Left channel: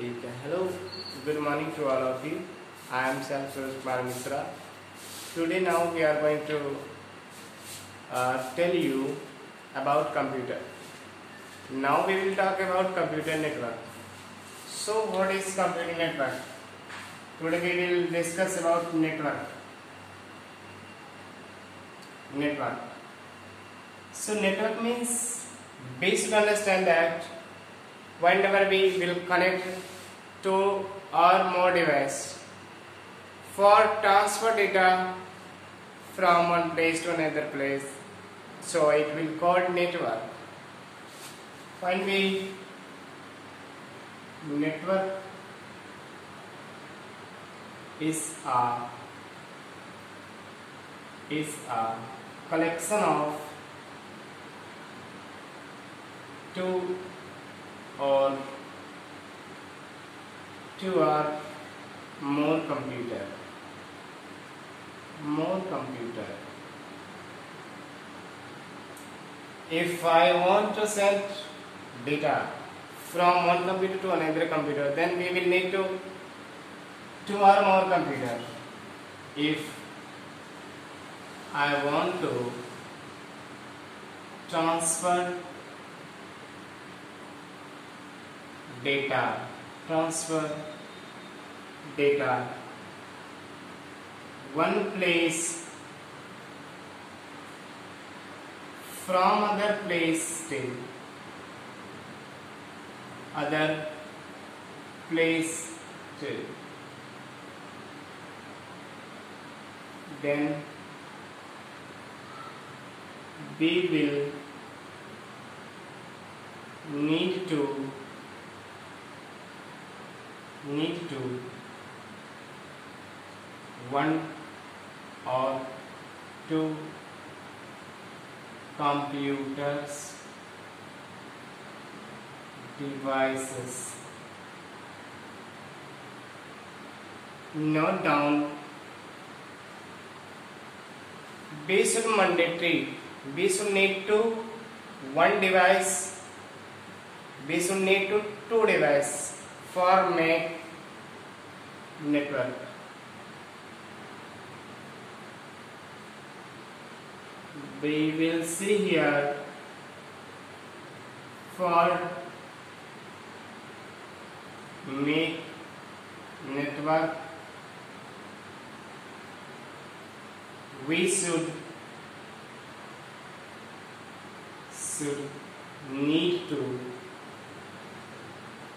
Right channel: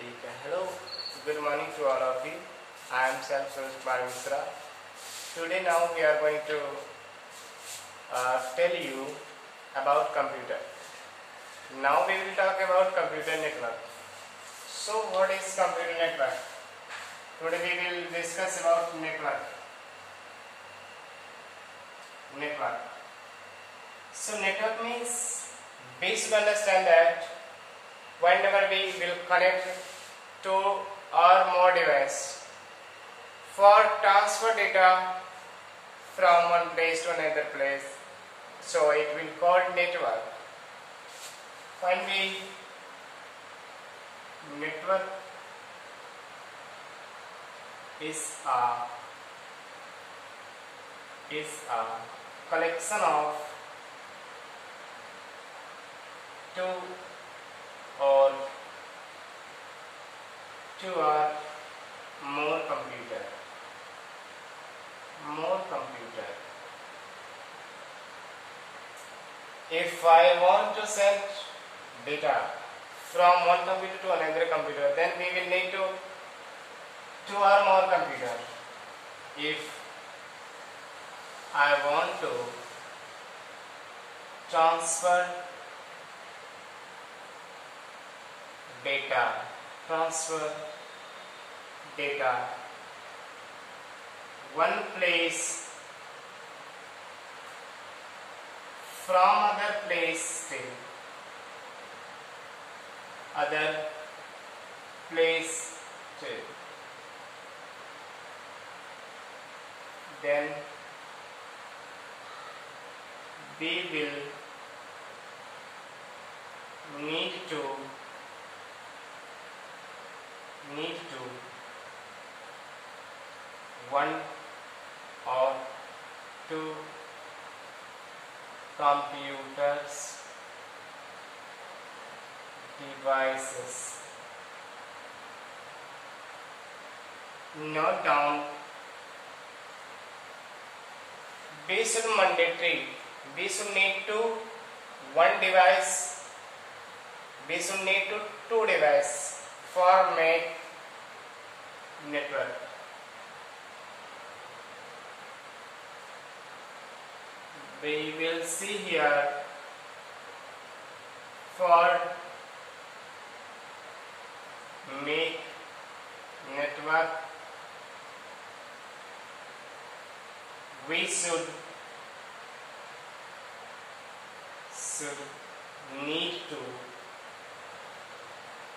ठीक है. Hello, good morning to all of you. I am Self Suraj Kumar Mishra. Today now we are going to tell you about computer. Now we will talk about computer network. So what is computer network? Today we will discuss about network. So network means we should understand that whenever we will connect two or more devices for transfer data from one place to another place, so it will called network. When we network is a collection of two or more computer. If I want to send data from one computer to another computer, then we will need to two or more computer. If I want to transfer data one place from other place to other place to, then we will need to one or two computers devices. Note down, we should need to one device, we should need to two device for make network. We will see here for make network we should need to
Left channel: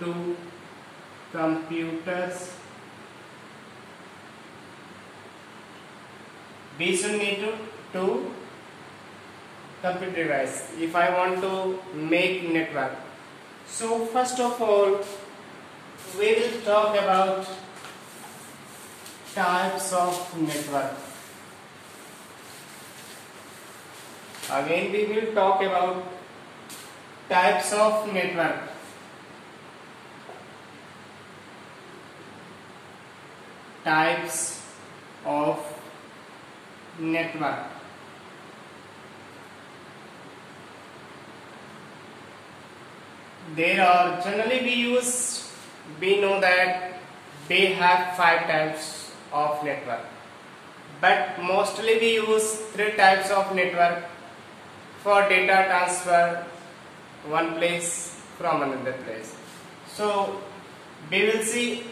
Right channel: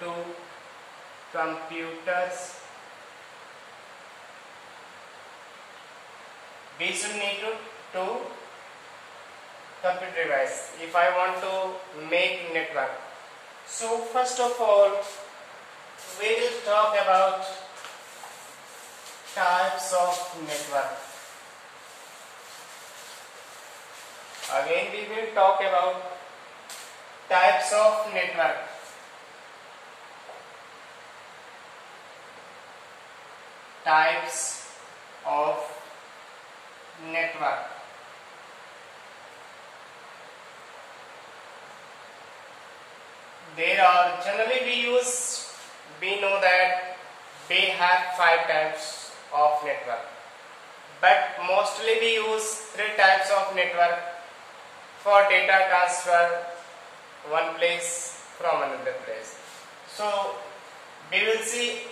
two computers. We should need to two computer device if I want to make network. So first of all, we will talk about types of network. Again we will talk about types of network. Types of network. There are generally we know that we have 5 types of network, but mostly we use 3 types of network for data transfer one place from another place. So we will see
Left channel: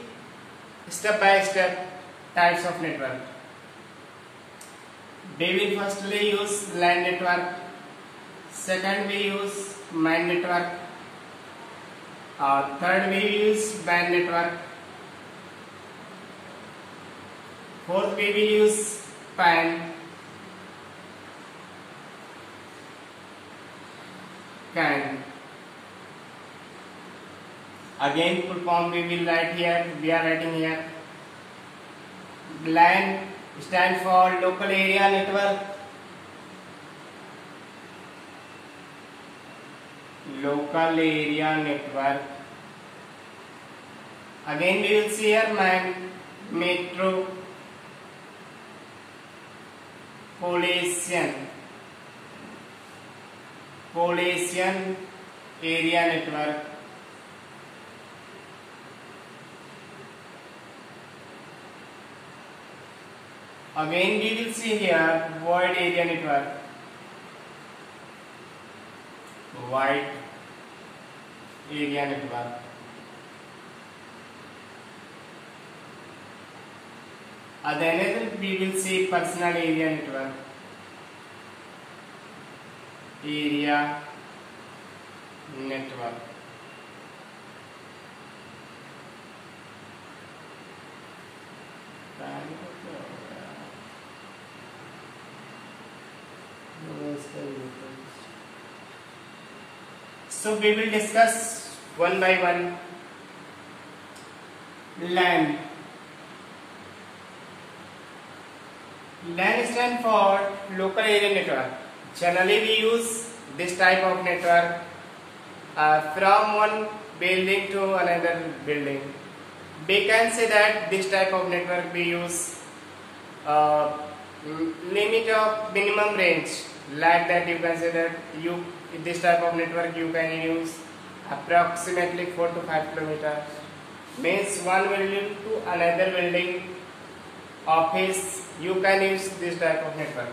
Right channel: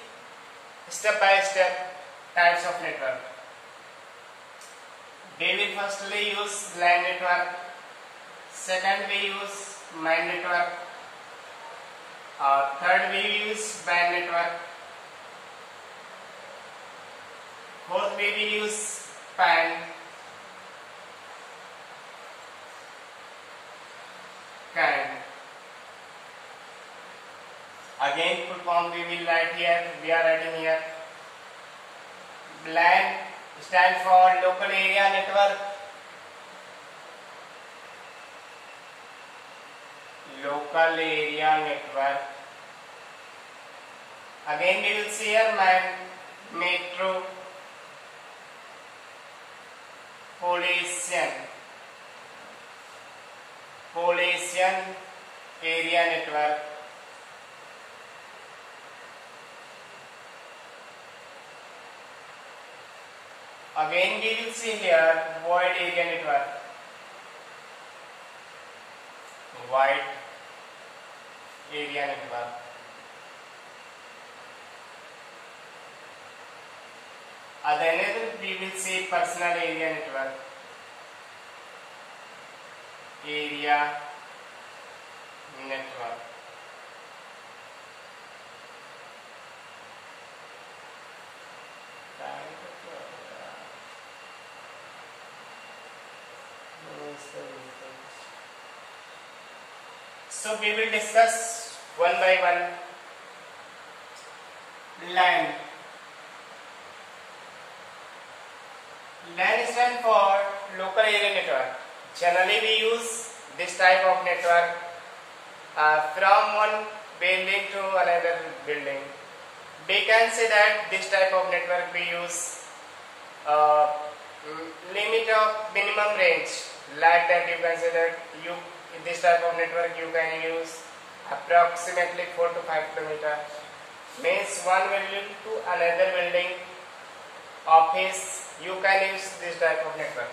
step by step types of network. We will firstly use LAN network, second we use MAN network, third we use WAN network, fourth we will use PAN, CAN. Again full form we will write here, we are writing here. LAN stand for local area network. Local area network. Again we will see here MAN, metro Polisian area network. Again we will see here wide area network. Wide area network. Then we will see personal area network. Area network. So we will discuss one by one. LAN. LAN stands for local area network. Generally we use this type of network from one building to another building. We can say that this type of network we use limit of minimum range, like that you can say that this type of network you can use approximately 4 to 5 kilometers. Means one building to another building, office, you can use this type of network.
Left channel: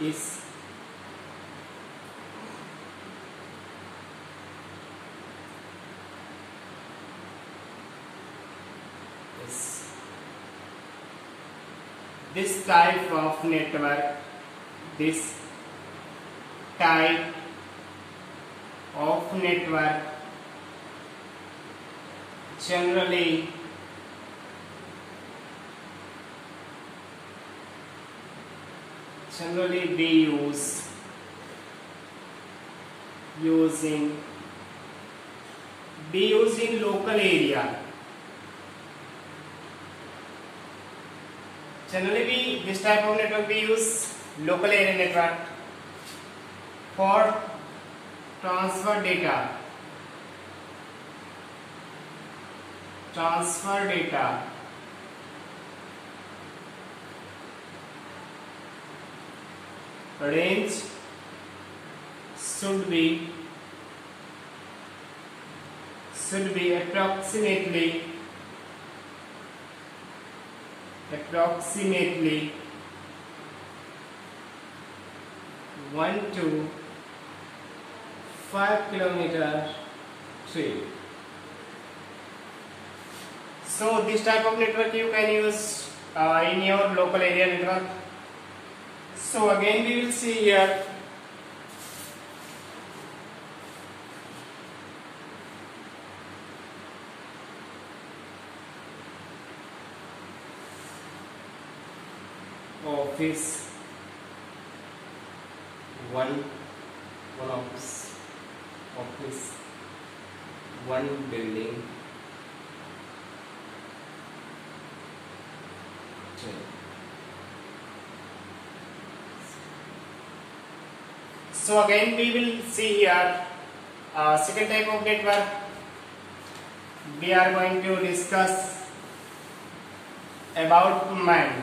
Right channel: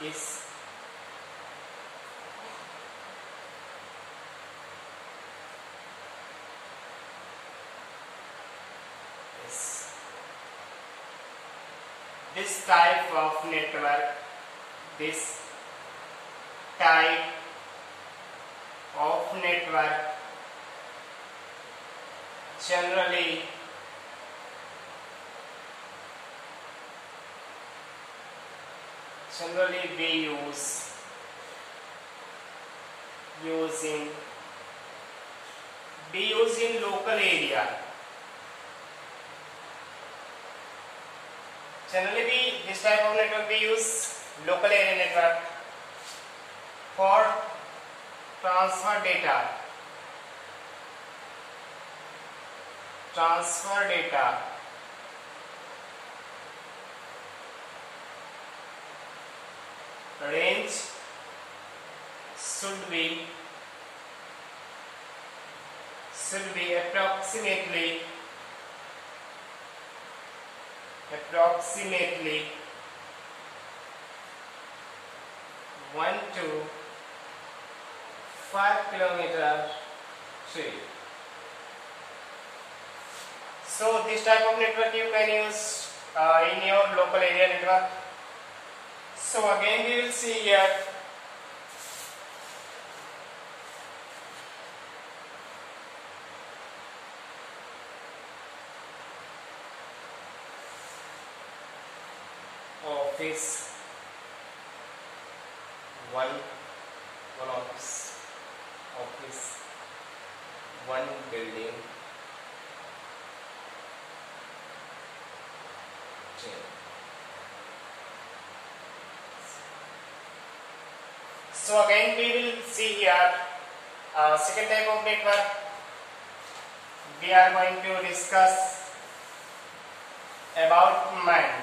Is this type of network, this type of network generally we use in local area. Generally this type of network we use local area network for transfer data. Range should be approximately 1 to 5 kilometers tree. So this type of network you can use in your local area network. So again we will see here office, one office, one building, so again we will see here second type of network. We are going to discuss about MAN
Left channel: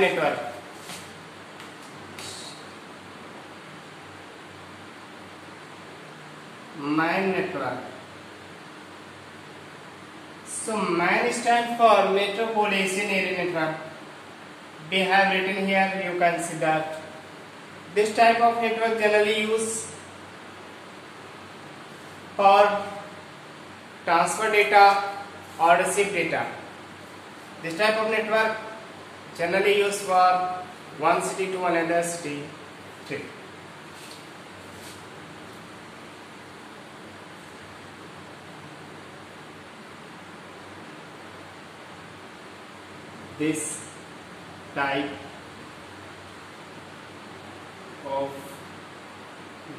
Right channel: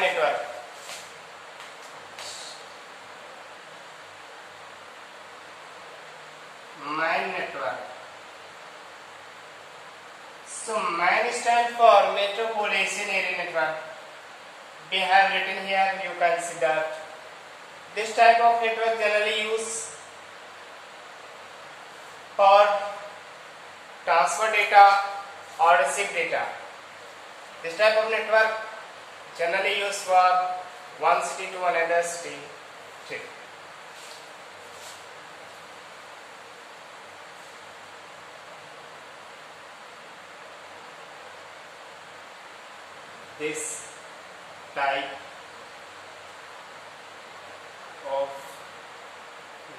network. MAN network. So MAN stands for Metropolitan Area Network. We have written here, you can see that this type of network generally used for transfer data or receive data. This type of network generally used for one city to another city. This type of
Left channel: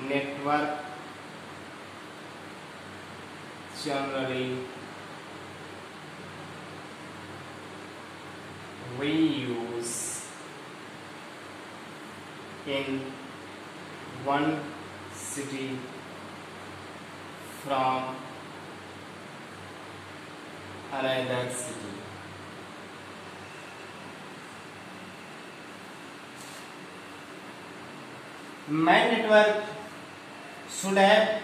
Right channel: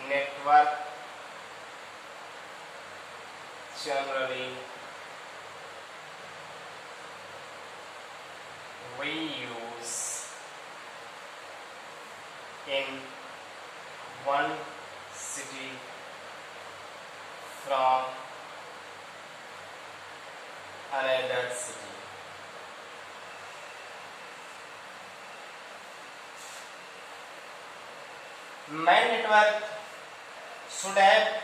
network generally we use in one city from another city. MAN network should have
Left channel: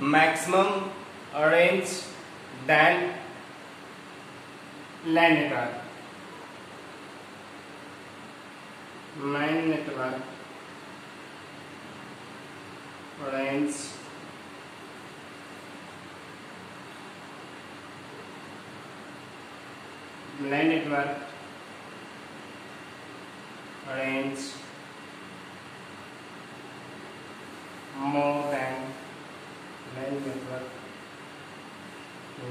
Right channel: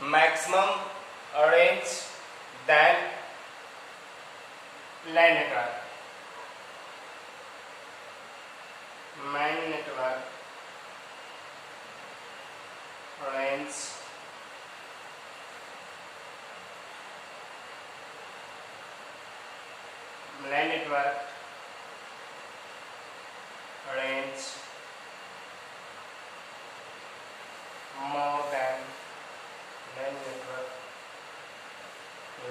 maximum range than LAN network. MAN network range LAN network range more than LAN network.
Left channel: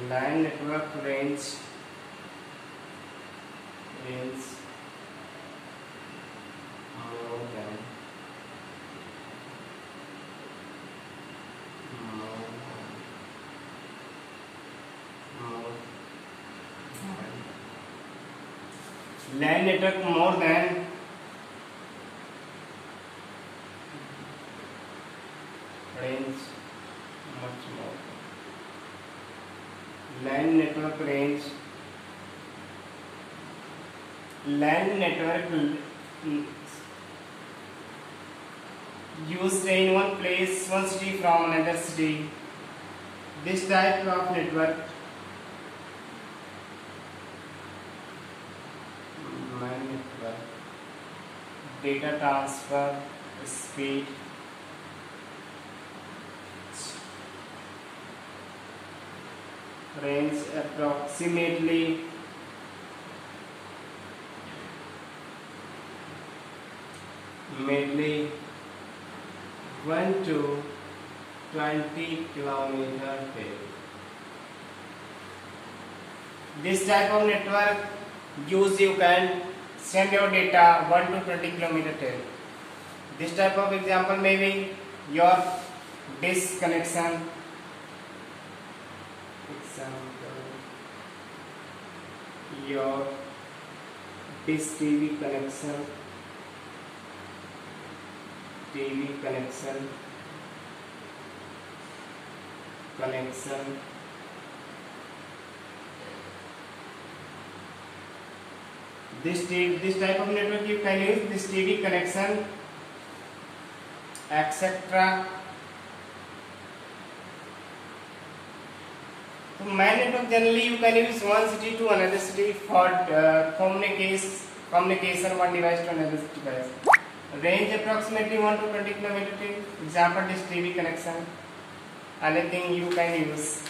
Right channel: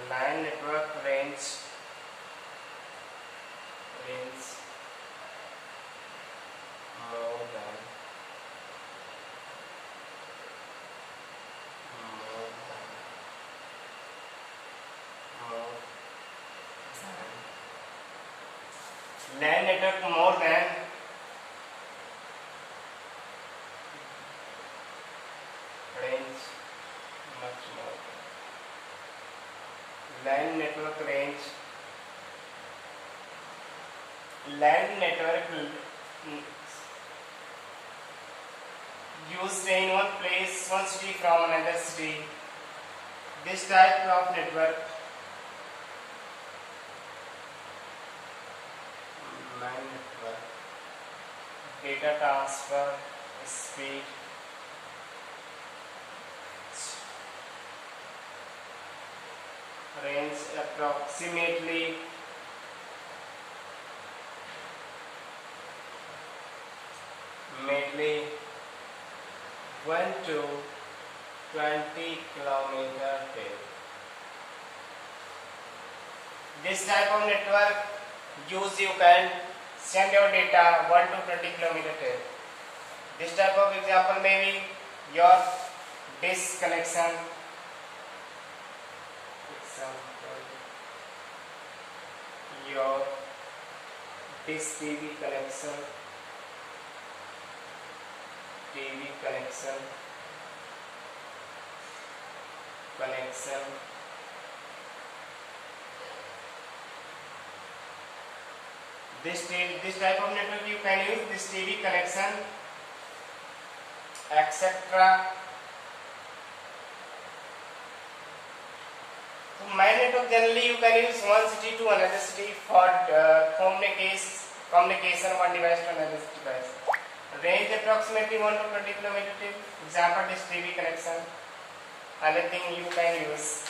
LAN network range more than LAN network more than range much more. LAN network range. LAN network used in one place, one city from another city. This type of network, LAN network, data transfer speed range approximately 1 to 20 kilometer. This type of network use you can send your data 1 to 20 kilometer. This type of example may be your disk connection. Your disk TV connection, this type of network you can use this TV connection, etc. So MAN network generally you can use one city to another city for communication one device to another device. Range approximately 1 to 20 km. Example this TV connection. Anything you can use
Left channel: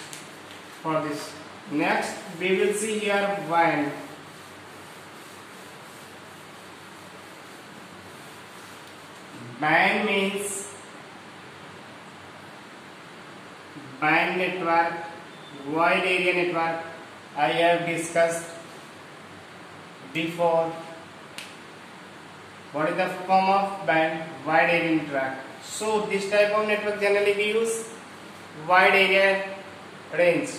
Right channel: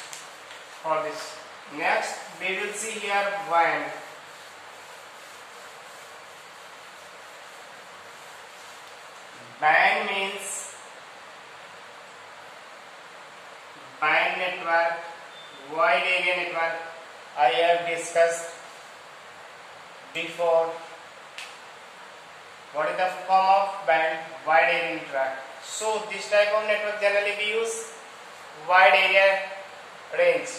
for this. Next we will see here WAN. WAN means WAN network, wide area network. I have discussed before. What is the form of WAN? Wide area network. So this type of network generally we use wide area range.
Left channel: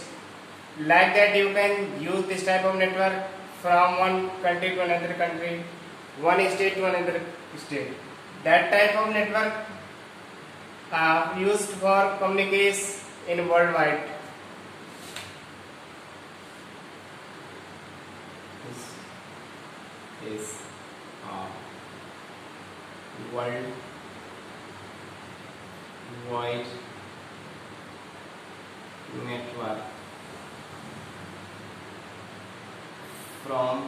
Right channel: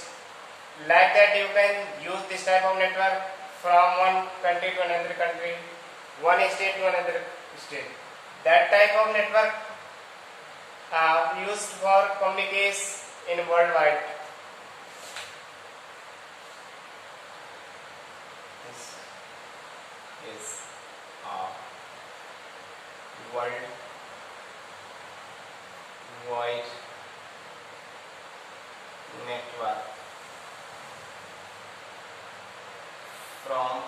Like that you can use this type of network from one country to another country, one state to another state. That type of network used for communication in worldwide. This is worldwide network from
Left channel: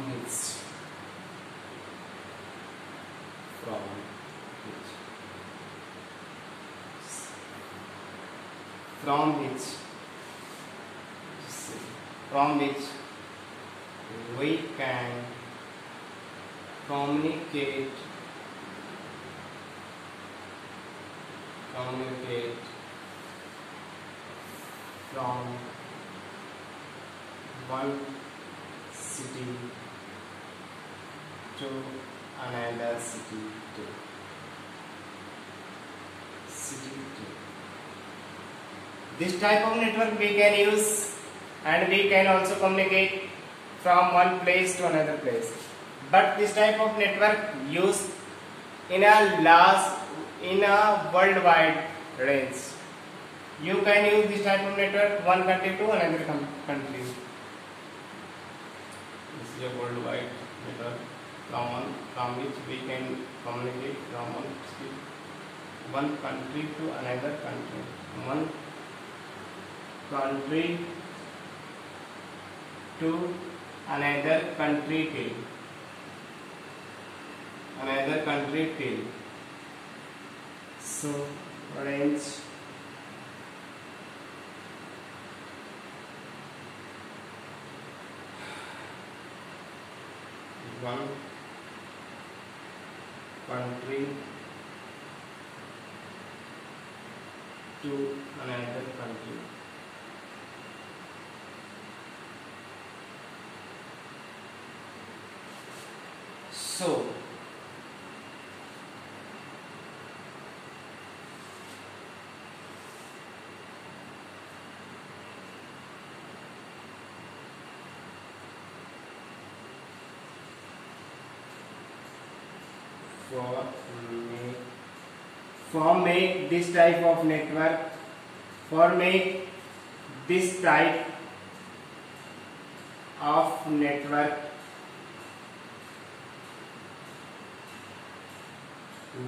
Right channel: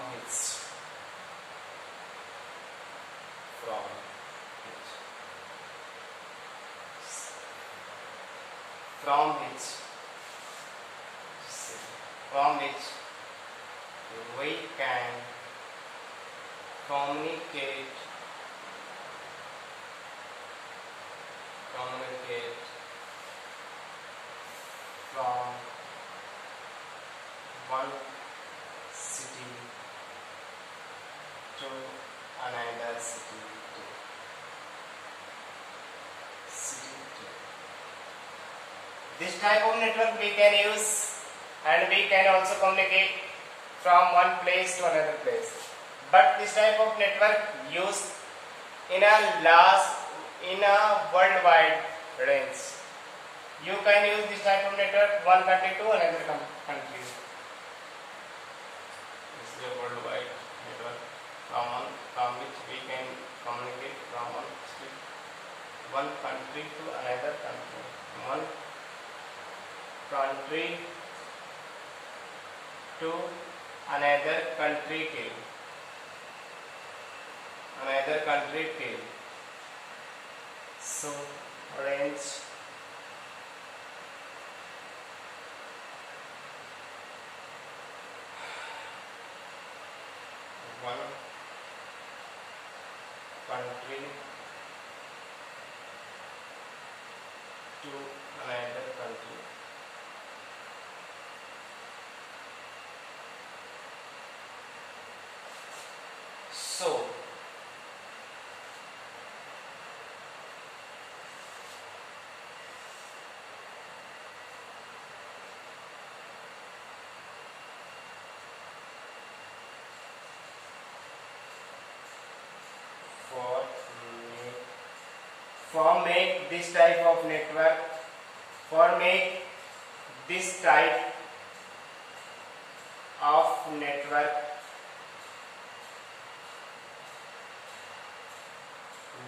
which we can communicate from one city to another city. This type of network we can use, and we can also communicate from one place to another place. But this type of network used in a worldwide range. You can use this type of network one country to another country. This is a worldwide network. from which we can communicate from one country to another country, one country to another country till. So range one country to another country. So for make this type of network,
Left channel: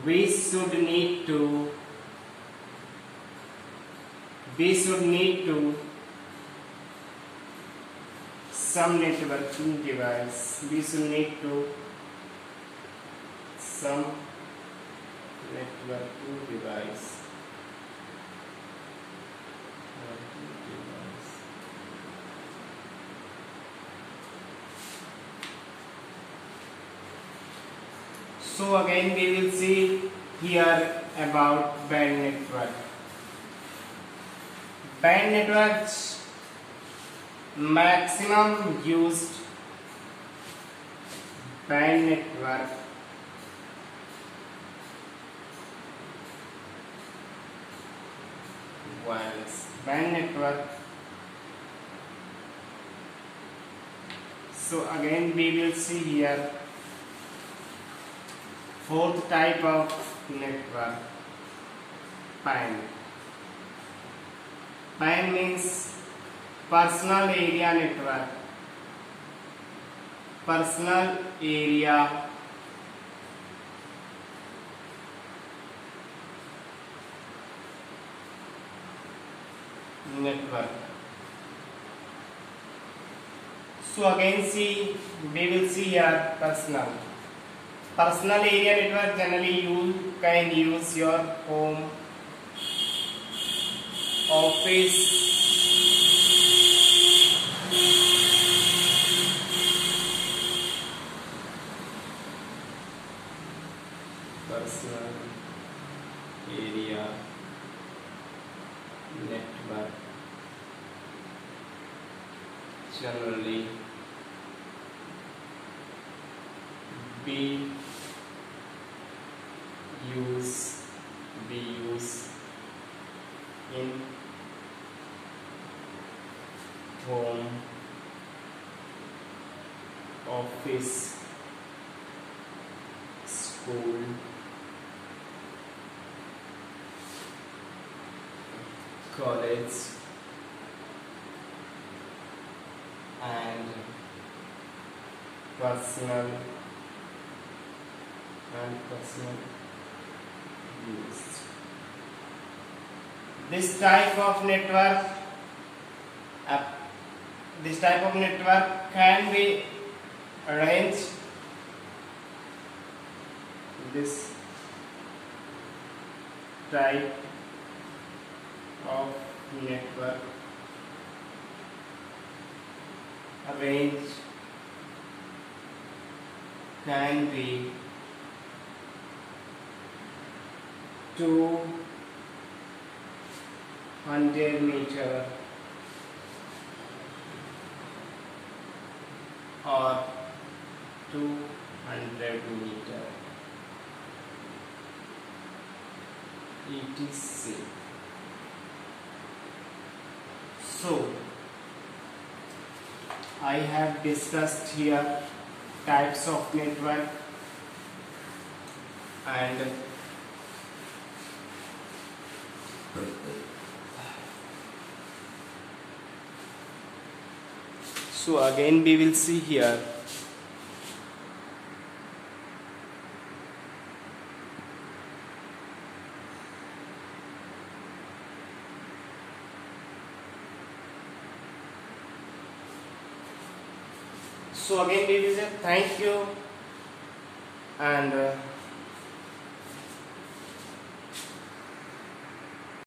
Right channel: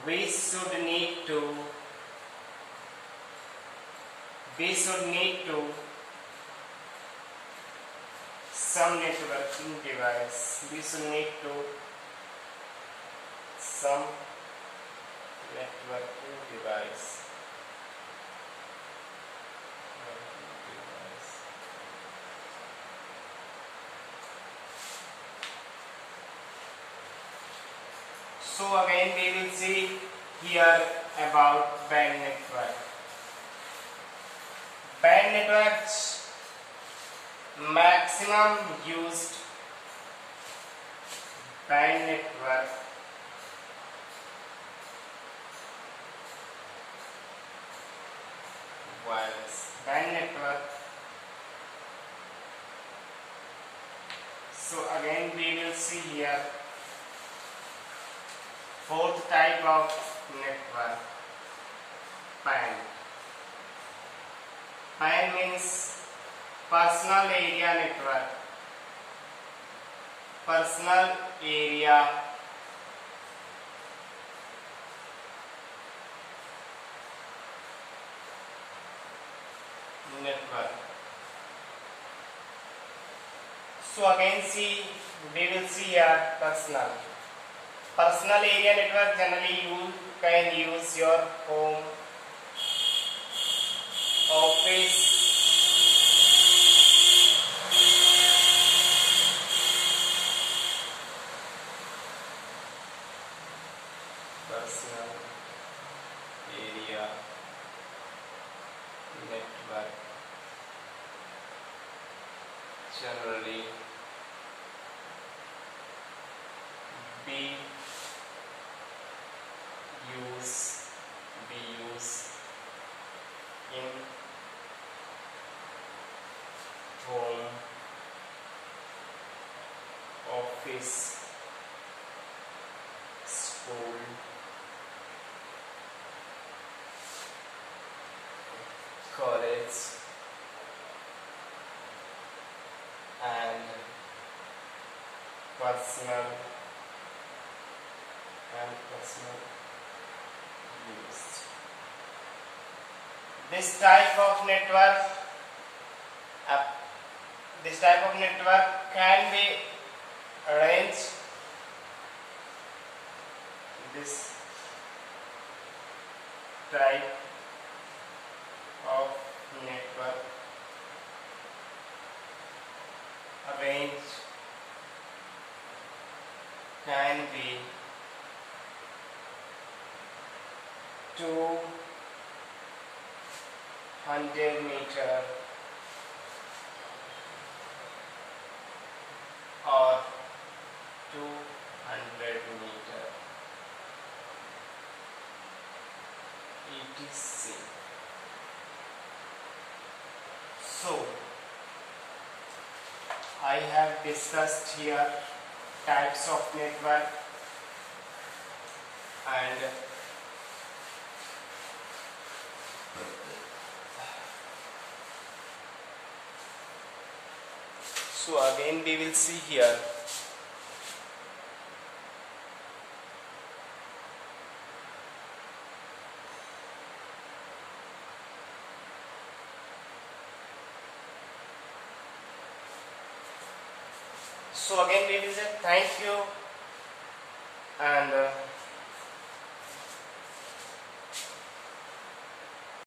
we should need to some networking device. So again we will see here about band network. Band networks maximum used band network wireless band network. So again we will see here fourth type of network, PAN. PAN means personal area network. Personal area network. So again we will see here personal area network. Generally you can use your home, office, personal area network. Generally be used in home, office, school, college, and personal use. This type of network can be arranged. This type of network arranged can be 200 meter or 200 meter etc. So I have discussed here types of network, and so again we will see here So again we will say thank you and